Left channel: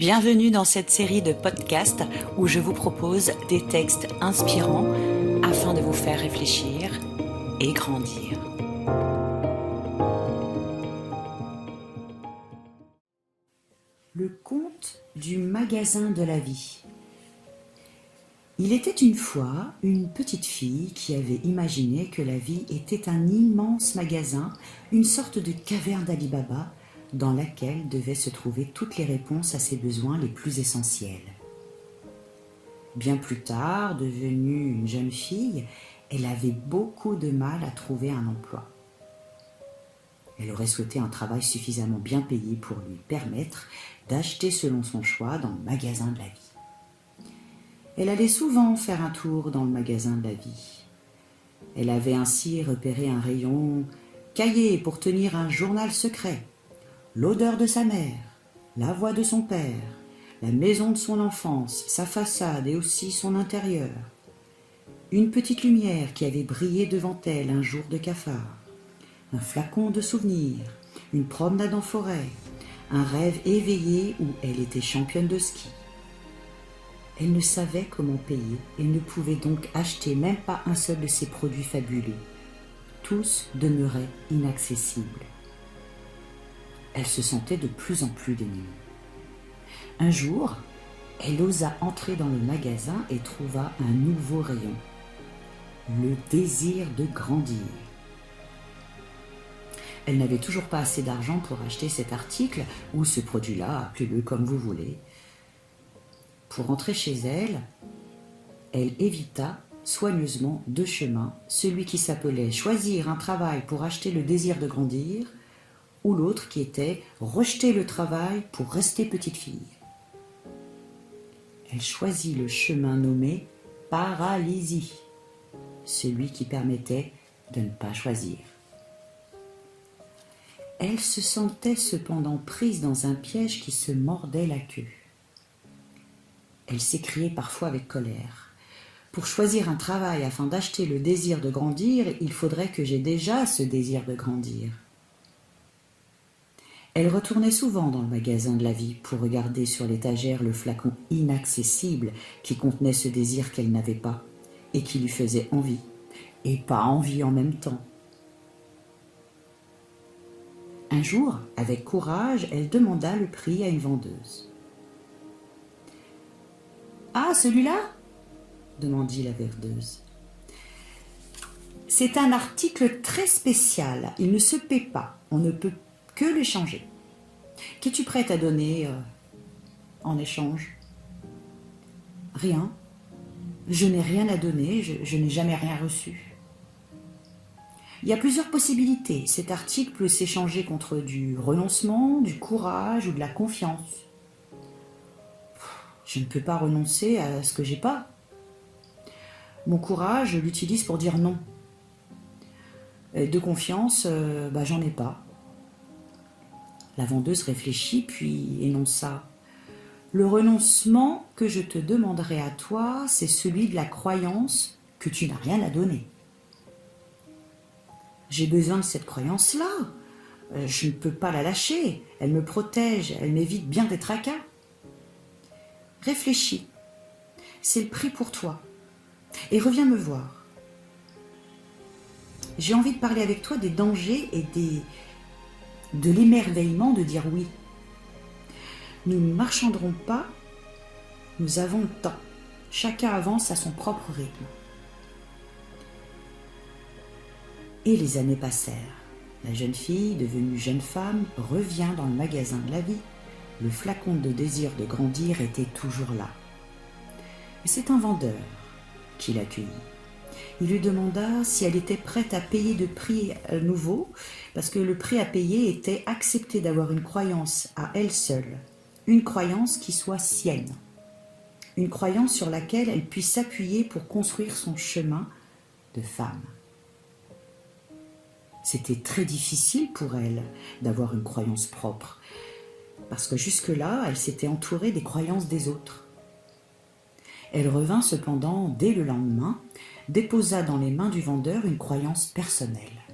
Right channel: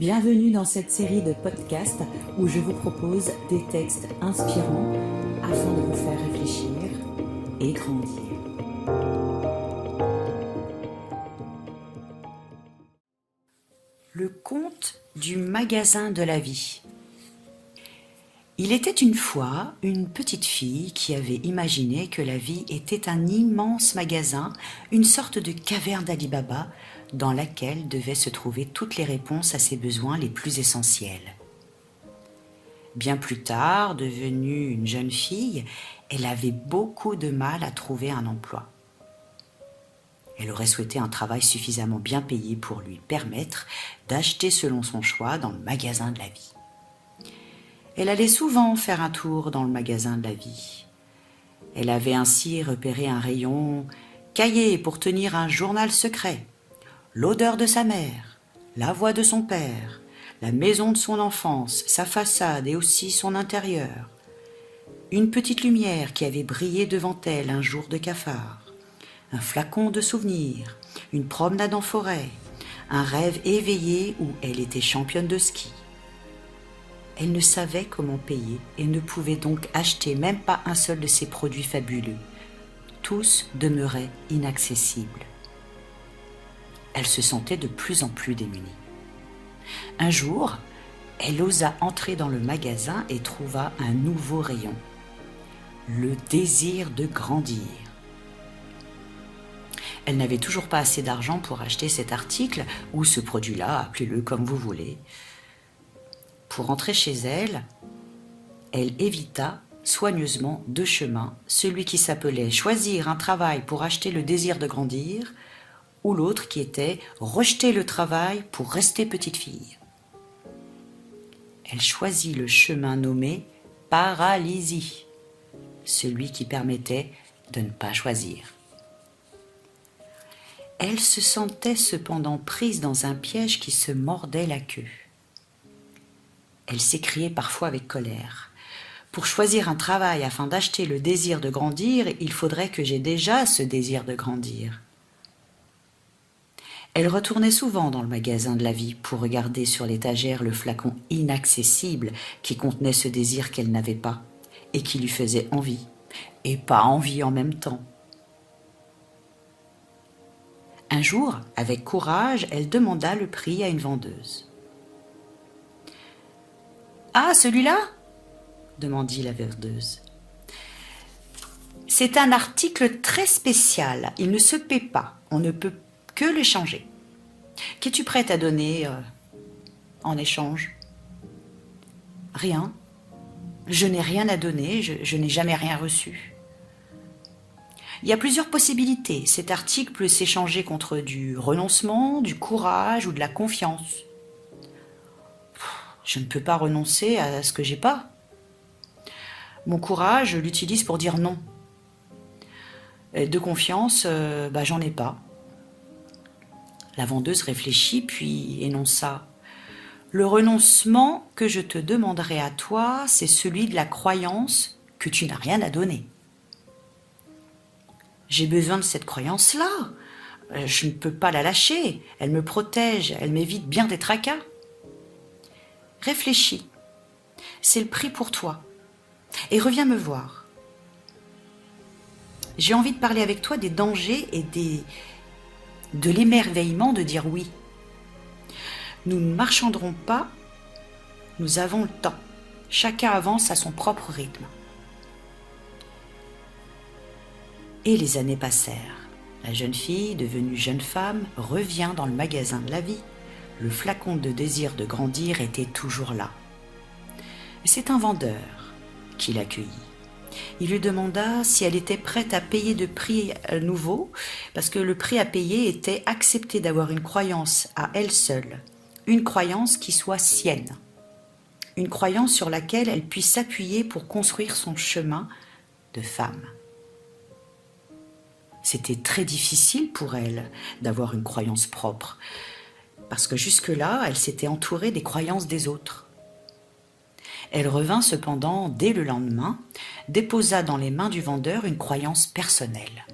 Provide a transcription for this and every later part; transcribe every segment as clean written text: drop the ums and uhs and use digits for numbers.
Bienvenue dans cette série de podcasts où je vous propose des textes inspirants afin de vous faire réfléchir et grandir. Le conte du magasin de la vie. Il était une fois une petite fille qui avait imaginé que la vie était un immense magasin, une sorte de caverne d'Ali Baba, dans laquelle devaient se trouver toutes les réponses à ses besoins les plus essentiels. Bien plus tard, devenue une jeune fille, elle avait beaucoup de mal à trouver un emploi. Elle aurait souhaité un travail suffisamment bien payé pour lui permettre d'acheter selon son choix dans le magasin de la vie. Elle allait souvent faire un tour dans le magasin de la vie. Elle avait ainsi repéré un rayon cahier pour tenir un journal secret, l'odeur de sa mère, la voix de son père, la maison de son enfance, sa façade et aussi son intérieur. Une petite lumière qui avait brillé devant elle un jour de cafard, un flacon de souvenirs, une promenade en forêt, un rêve éveillé où elle était championne de ski. Elle ne savait comment payer et ne pouvait donc acheter même pas un seul de ces produits fabuleux. Tous demeuraient inaccessibles. Elle se sentait de plus en plus démunie. Un jour, elle osa entrer dans le magasin et trouva un nouveau rayon, le désir de grandir. Elle n'avait toujours pas assez d'argent pour acheter cet article ou ce produit-là, appelez-le comme vous voulez. Pour rentrer chez elle, elle évita soigneusement deux chemins, celui qui s'appelait choisir un travail pour acheter le désir de grandir, ou l'autre qui était rejeter le travail pour rester petite fille. Elle choisit le chemin nommé paralysie, celui qui permettait de ne pas choisir. Elle se sentait cependant prise dans un piège qui se mordait la queue. Elle s'écriait parfois avec colère. Pour choisir un travail afin d'acheter le désir de grandir, il faudrait que j'aie déjà ce désir de grandir. Elle retournait souvent dans le magasin de la vie pour regarder sur l'étagère le flacon inaccessible qui contenait ce désir qu'elle n'avait pas et qui lui faisait envie, et pas envie en même temps. Un jour, avec courage, elle demanda le prix à une vendeuse. « Ah, celui-là » demandit la vendeuse. « C'est un article très spécial, il ne se paie pas, on ne peut que le changer. Qu'es-tu prête à donner en échange ?»« Rien. Je n'ai rien à donner, je n'ai jamais rien reçu. » Il y a plusieurs possibilités. Cet article peut s'échanger contre du renoncement, du courage ou de la confiance. Je ne peux pas renoncer à ce que j'ai pas. Mon courage, je l'utilise pour dire non. Et de confiance, j'en ai pas. La vendeuse réfléchit puis énonça. Le renoncement que je te demanderai à toi, c'est celui de la croyance que tu n'as rien à donner. J'ai besoin de cette croyance-là. Je ne peux pas la lâcher. Elle me protège, elle m'évite bien des tracas. Réfléchis. C'est le prix pour toi. Et reviens me voir. J'ai envie de parler avec toi des dangers et de l'émerveillement de dire oui. Nous ne marchanderons pas, nous avons le temps. Chacun avance à son propre rythme. Et les années passèrent. La jeune fille, devenue jeune femme, revient dans le magasin de la vie. Le flacon de désir de grandir était toujours là. Et c'est un vendeur qui l'accueillit. Il lui demanda si elle était prête à payer de prix nouveau, parce que le prix à payer était accepter d'avoir une croyance à elle seule, une croyance qui soit sienne, une croyance sur laquelle elle puisse s'appuyer pour construire son chemin de femme. C'était très difficile pour elle d'avoir une croyance propre, parce que jusque-là, elle s'était entourée des croyances des autres. Elle revint cependant dès le lendemain, déposa dans les mains du vendeur une croyance personnelle.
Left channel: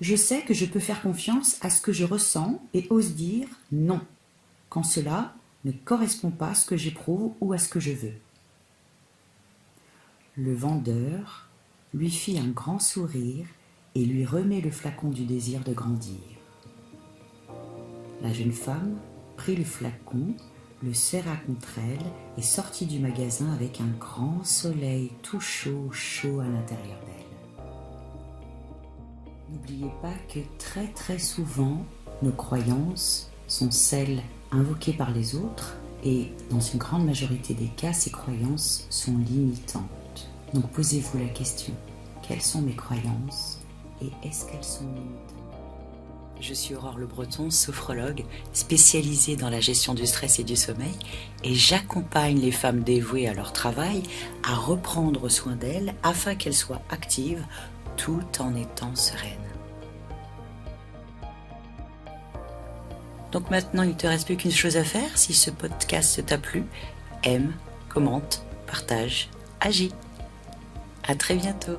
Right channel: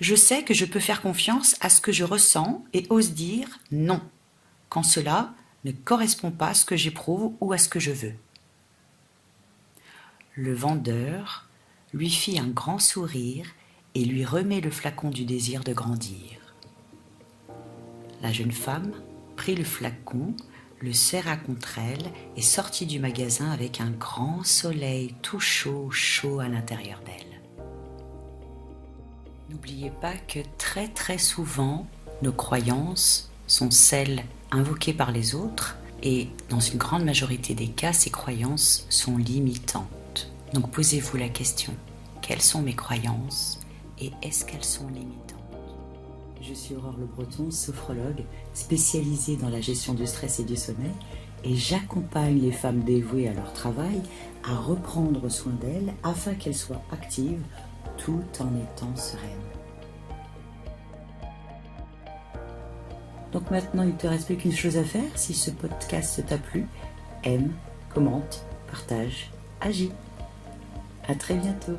Je sais que je peux faire confiance à ce que je ressens et ose dire non. quand cela ne correspond pas à ce que j'éprouve ou à ce que je veux. Le vendeur lui fit un grand sourire et lui remet le flacon du désir de grandir. La jeune femme prit le flacon, le serra contre elle et sortit du magasin avec un grand soleil tout chaud, chaud à l'intérieur d'elle. N'oubliez pas que très très souvent, nos croyances sont celles invoquées par les autres et dans une grande majorité des cas, ces croyances sont limitantes. Donc posez-vous la question, quelles sont mes croyances et est-ce qu'elles sont limitantes ? Je suis Aurore Le Breton, sophrologue spécialisée dans la gestion du stress et du sommeil et j'accompagne les femmes dévouées à leur travail à reprendre soin d'elles afin qu'elles soient actives tout en étant sereines. Donc maintenant, il ne te reste plus qu'une chose à faire. Si ce podcast t'a plu, aime, commente, partage, agis. À très bientôt.